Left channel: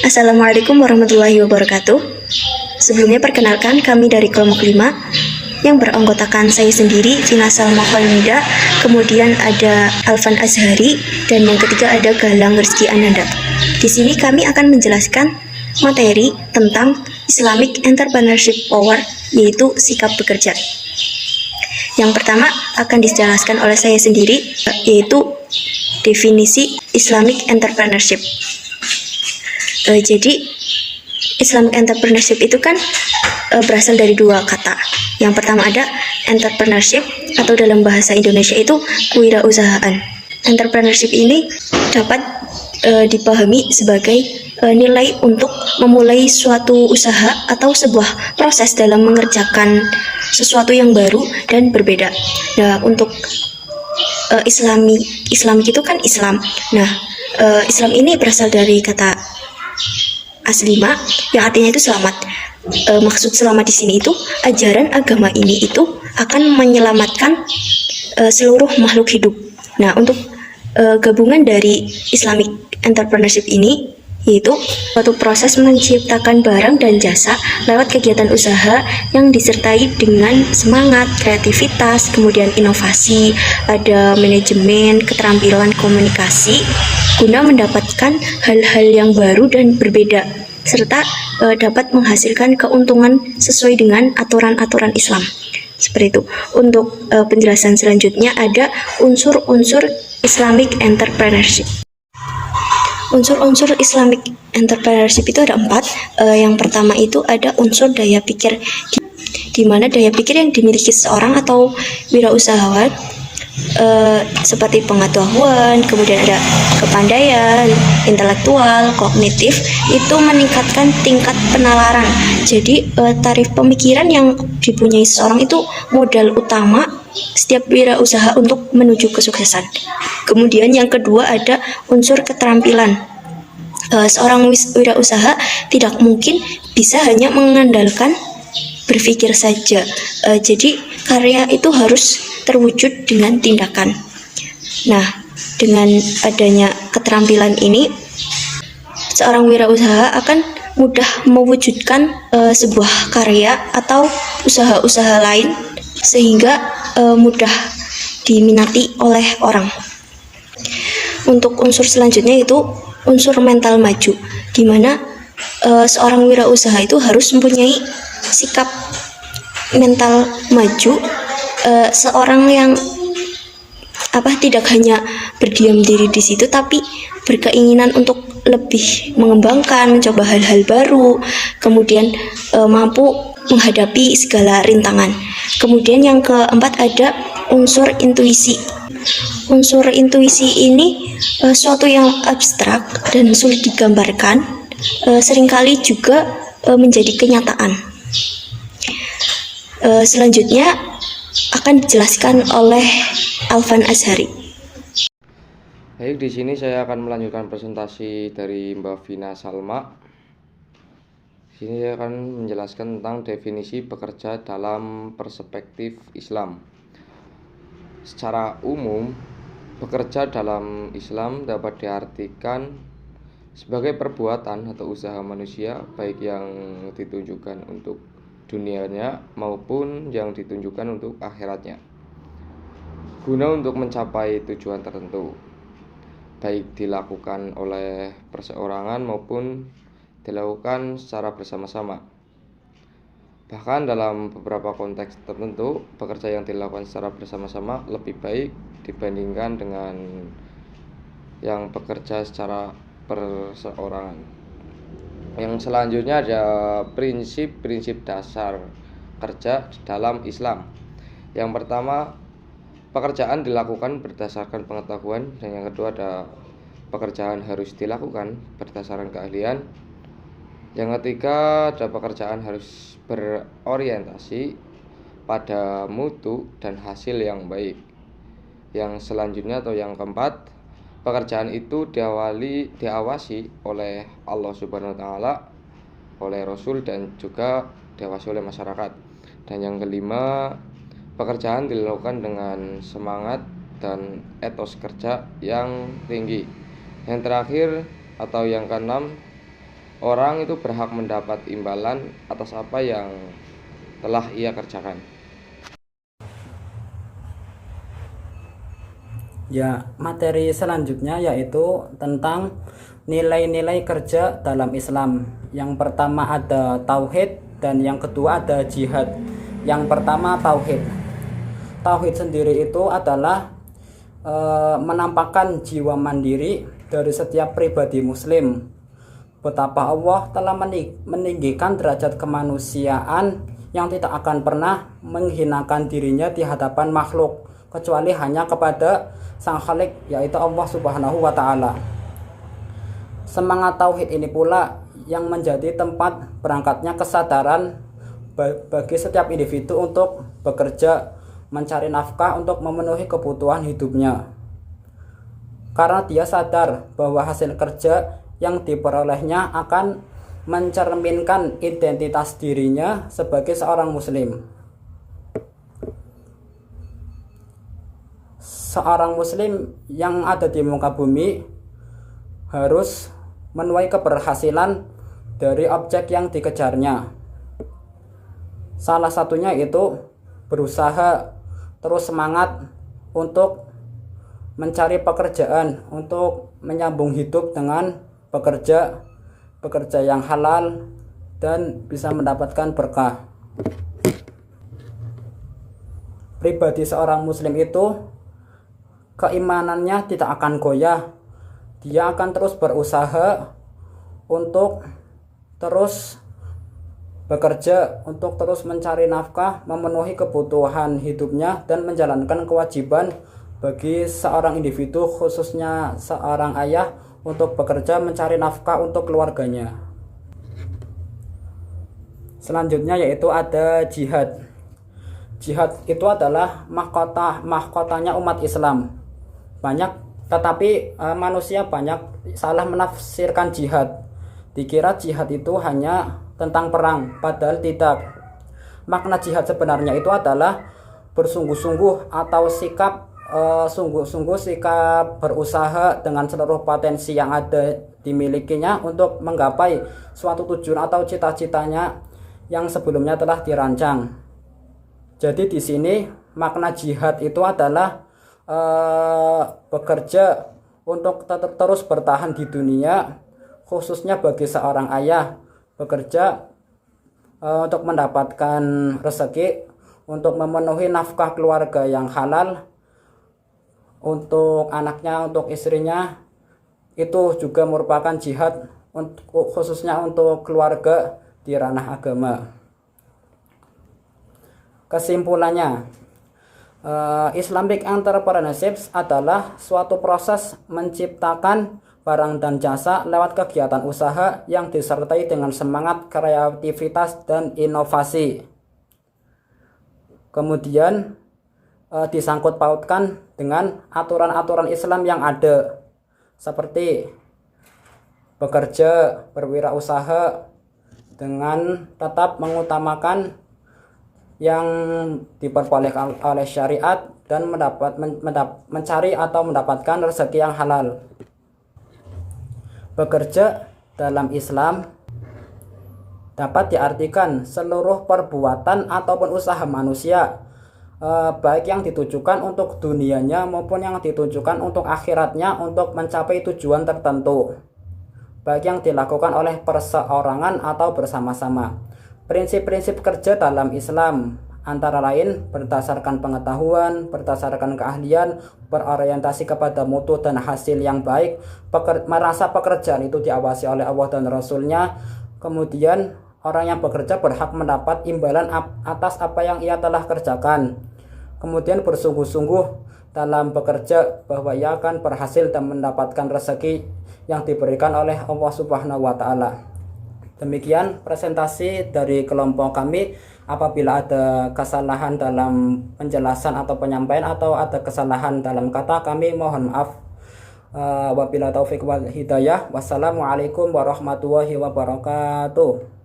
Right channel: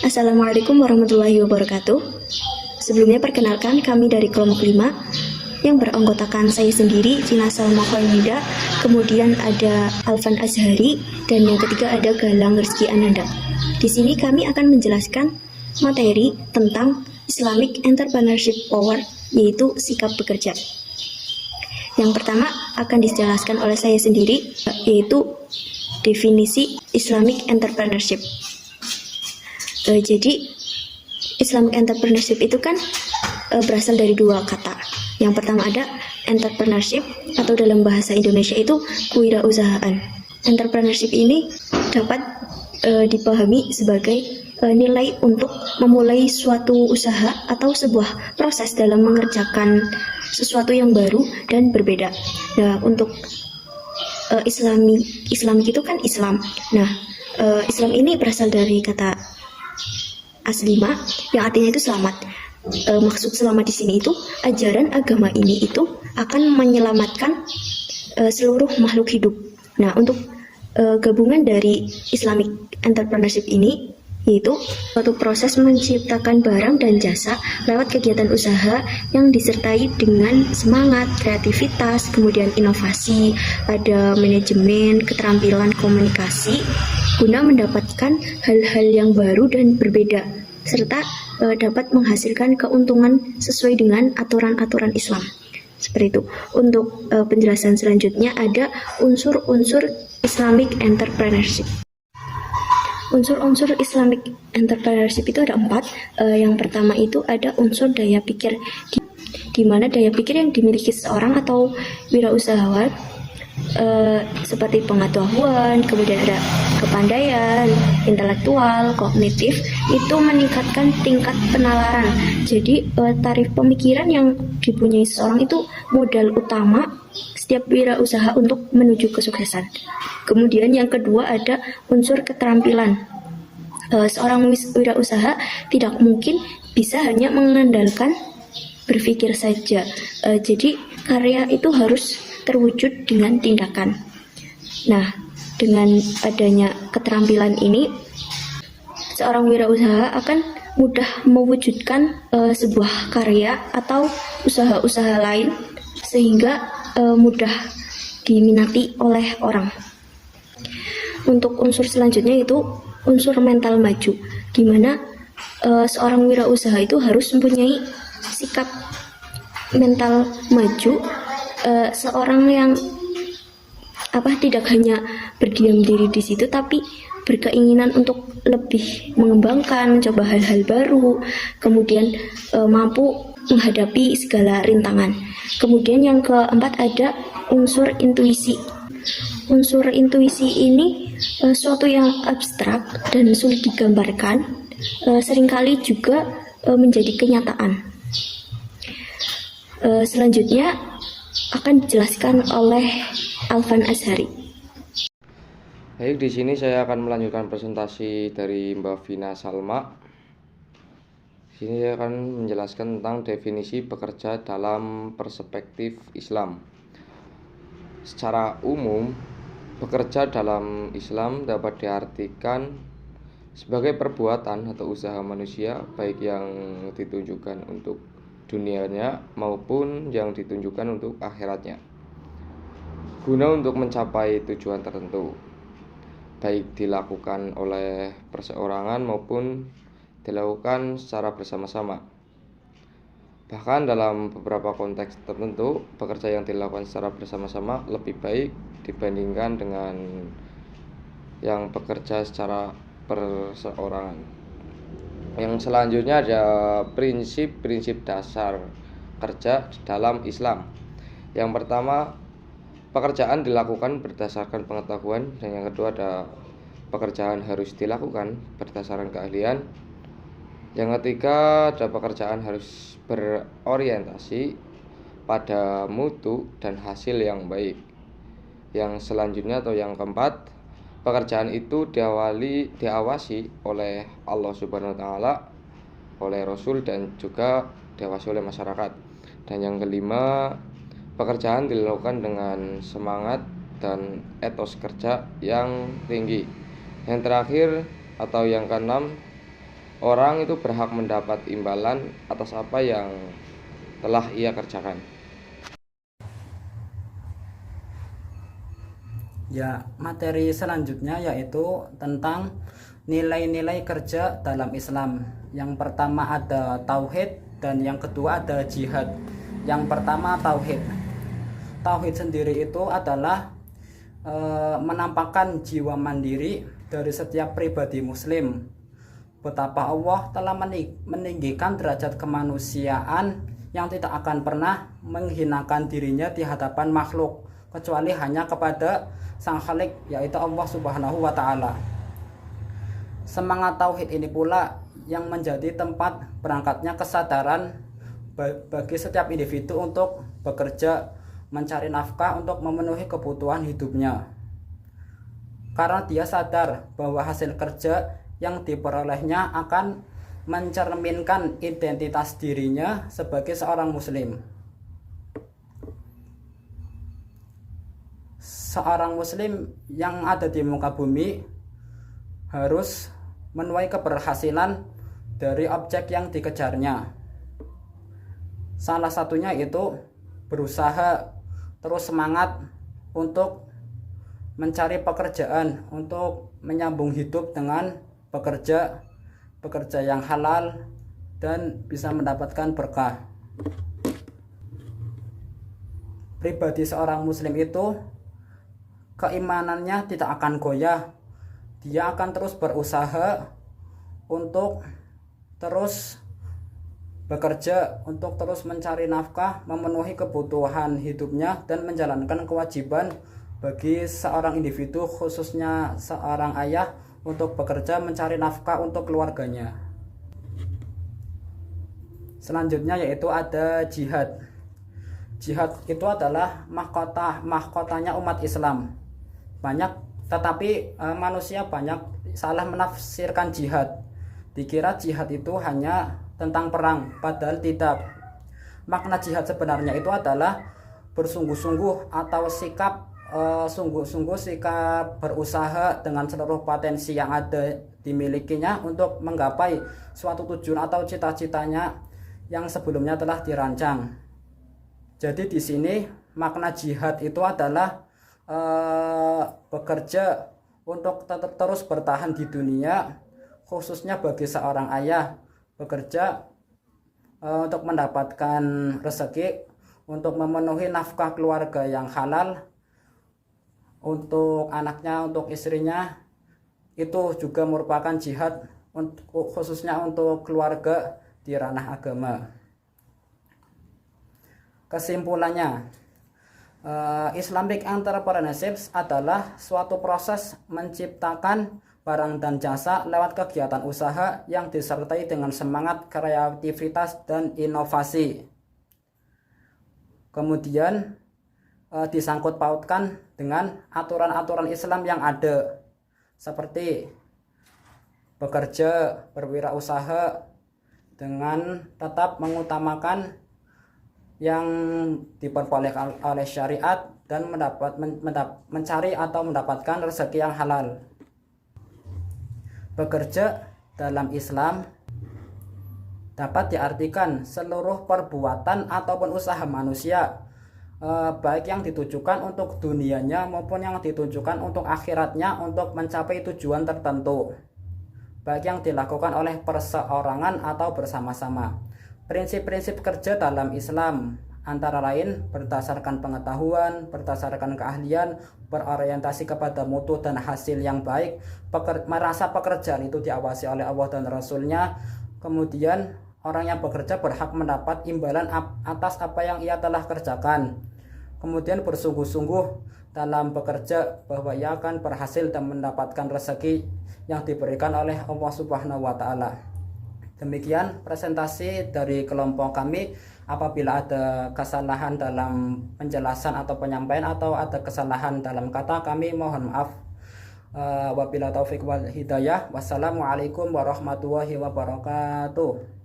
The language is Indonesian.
Assalamualaikum warahmatullahi wabarakatuh. Sebelumnya perkenalkan kami dari kelompok 5 yang beranggotakan saya sendiri, Vina Salma Khalida, kemudian ada Alvan Azhari, dan yang ketiga ada Galang Rizky Ananda. Di sini kami akan menjelaskan materi tentang Islamic Entrepreneurship Power, yaitu sikap bekerja. Yang pertama akan dijelaskan oleh saya sendiri, yaitu definisi Islamic Entrepreneurship. Jadi Islamic Entrepreneurship itu kan berasal dari dua kata. Yang pertama ada entrepreneurship, atau dalam bahasa Indonesia itu kewirausahaan. Entrepreneurship ini dapat dipahami sebagai nilai untuk memulai suatu usaha atau sebuah proses dalam mengerjakan sesuatu yang baru dan berbeda. Nah, untuk Islamik itu kan Islam. Nah, Islam ini berasal dari kata aslima yang artinya itu selamat. Maksud selamat di sini itu ajaran agama ini itu akan menyelamatkan seluruh makhluk hidup. Nah, untuk gabungan dari Islamic Entrepreneurship ini yaitu suatu proses menciptakan barang dan jasa lewat kegiatan usaha yang disertai dengan semangat, kreativitas, kemudian inovasi, ada manajemen, keterampilan komunikasi, guna mendapatkan hal-hal yang baru dan berbeda, serta dapat menghasilkan keuntungan sesuai dengan aturan-aturan Islam. Seperti itu. Untuk penjelasan selanjutnya ada unsur-unsur Islamic Entrepreneurship. Unsur-unsur Islamic Entrepreneurship itu ada 4. Yang pertama itu ada unsur daya pikir, di mana daya pikir yang dimiliki seseorang atau wirausahawan seperti pengetahuan, kemudian ada kepandaian, intelektual, kognitif, itu meningkatkan tingkat penalaran. Jadi tarif pemikiran yang dipunyai seseorang itu modal utama setiap wirausaha untuk menuju kesuksesan. Kemudian yang kedua ada unsur keterampilan. Seorang wirausaha tidak mungkin bisa hanya mengandalkan berpikir saja. Jadi karya itu harus terwujud dengan tindakan. Nah, dengan adanya keterampilan ini, seorang wirausaha akan mudah mewujudkan sebuah karya atau usaha-usaha lain sehingga mudah diminati oleh orang. Untuk unsur selanjutnya itu unsur mental maju, di mana seorang wirausaha itu harus mempunyai sikap mental maju, seorang yang tidak hanya berdiam diri di situ, tapi berkeinginan untuk lebih mengembangkan, mencoba hal-hal baru, kemudian mampu menghadapi segala rintangan. Kemudian yang keempat ada unsur intuisi. Unsur intuisi ini suatu yang abstrak dan sulit digambarkan, seringkali juga menjadi kenyataan. Selanjutnya akan dijelaskan oleh Alvan Azhari. Baik, di sini saya akan melanjutkan presentasi dari Mbak Vina Salma. Di sini saya akan menjelaskan tentang definisi bekerja dalam perspektif Islam. Secara umum, bekerja dalam Islam dapat diartikan sebagai perbuatan atau usaha manusia, baik yang ditunjukkan untuk dunianya maupun yang ditunjukkan untuk akhiratnya, guna untuk mencapai tujuan tertentu, baik dilakukan oleh perseorangan maupun dilakukan secara bersama-sama. Bahkan dalam beberapa konteks tertentu, bekerja yang dilakukan secara bersama-sama lebih baik dibandingkan dengan yang bekerja secara perseorangan. Yang selanjutnya ada prinsip-prinsip dasar kerja dalam Islam. Yang pertama, pekerjaan dilakukan berdasarkan pengetahuan, dan yang kedua ada pekerjaan harus dilakukan berdasarkan keahlian. Yang ketiga ada pekerjaan harus berorientasi pada mutu dan hasil yang baik. Yang selanjutnya atau yang keempat, pekerjaan itu diawasi oleh Allah Subhanahu wa taala, oleh Rasul, dan juga diawasi oleh masyarakat. Dan yang kelima, pekerjaan dilakukan dengan semangat dan etos kerja yang tinggi. Yang terakhir atau yang keenam, orang itu berhak mendapat imbalan atas apa yang telah ia kerjakan. Ya, materi selanjutnya yaitu tentang nilai-nilai kerja dalam Islam. Yang pertama ada tauhid dan yang kedua ada jihad. Yang pertama tauhid. Tauhid sendiri itu adalah menampakkan jiwa mandiri dari setiap pribadi muslim. Betapa Allah telah meninggikan derajat kemanusiaan yang tidak akan pernah menghinakan dirinya di hadapan makhluk, kecuali hanya kepada Sang Khalik, yaitu Allah Subhanahu wa Ta'ala. Semangat tauhid ini pula yang menjadi tempat berangkatnya kesadaran bagi setiap individu untuk bekerja, mencari nafkah untuk memenuhi kebutuhan hidupnya. Karena dia sadar bahwa hasil kerja yang diperolehnya akan mencerminkan identitas dirinya sebagai seorang muslim. Seorang muslim yang ada di muka bumi harus menuai keberhasilan dari objek yang dikejarnya. Salah satunya itu berusaha terus semangat untuk mencari pekerjaan, untuk menyambung hidup dengan pekerja yang halal dan bisa mendapatkan berkah. Pribadi seorang muslim itu keimanannya tidak akan goyah. Dia akan terus berusaha untuk terus bekerja, untuk terus mencari nafkah, memenuhi kebutuhan hidupnya dan menjalankan kewajiban bagi seorang individu, khususnya seorang ayah, untuk bekerja mencari nafkah untuk keluarganya. Selanjutnya yaitu ada jihad. Jihad itu adalah mahkotanya umat Islam. Tetapi manusia banyak salah menafsirkan jihad. Dikira jihad itu hanya tentang perang, padahal tidak. Makna jihad sebenarnya itu adalah bersungguh-sungguh atau sikap sikap berusaha dengan seluruh potensi yang ada dimilikinya untuk menggapai suatu tujuan atau cita-citanya yang sebelumnya telah dirancang. Jadi di sini makna jihad itu adalah bekerja untuk terus bertahan di dunia, khususnya bagi seorang ayah, bekerja untuk mendapatkan rezeki, untuk memenuhi nafkah keluarga yang halal, untuk anaknya, untuk istrinya. Itu juga merupakan jihad, khususnya untuk keluarga di ranah agama. Kesimpulannya, Islamic entrepreneurship adalah suatu proses menciptakan barang dan jasa lewat kegiatan usaha yang disertai dengan semangat kreativitas dan inovasi. Kemudian disangkut pautkan dengan aturan-aturan Islam yang ada, seperti bekerja, berwirausaha dengan tetap mengutamakan yang diperbolehkan oleh syariat dan mencari atau mendapatkan rezeki yang halal. Bekerja dalam Islam dapat diartikan seluruh perbuatan ataupun usaha manusia, baik yang ditujukan untuk dunianya maupun yang ditujukan untuk akhiratnya, untuk mencapai tujuan tertentu, baik yang dilakukan oleh perseorangan atau bersama-sama. Prinsip-prinsip kerja dalam Islam antara lain berdasarkan pengetahuan, berdasarkan keahlian, berorientasi kepada mutu dan hasil yang baik, merasa pekerjaan itu diawasi oleh Allah dan Rasulnya. Kemudian orang yang bekerja berhak mendapat imbalan atas apa yang ia telah kerjakan. Kemudian bersungguh-sungguh dalam bekerja bahwa ia akan berhasil dan mendapatkan rezeki yang diberikan oleh Allah Subhanahu wa Ta'ala. Demikian presentasi dari kelompok kami. Apabila ada kesalahan dalam penjelasan atau penyampaian atau ada kesalahan dalam kata, kami mohon maaf. Wabillahi taufiq wal hidayah. Wassalamualaikum warahmatullahi wabarakatuh.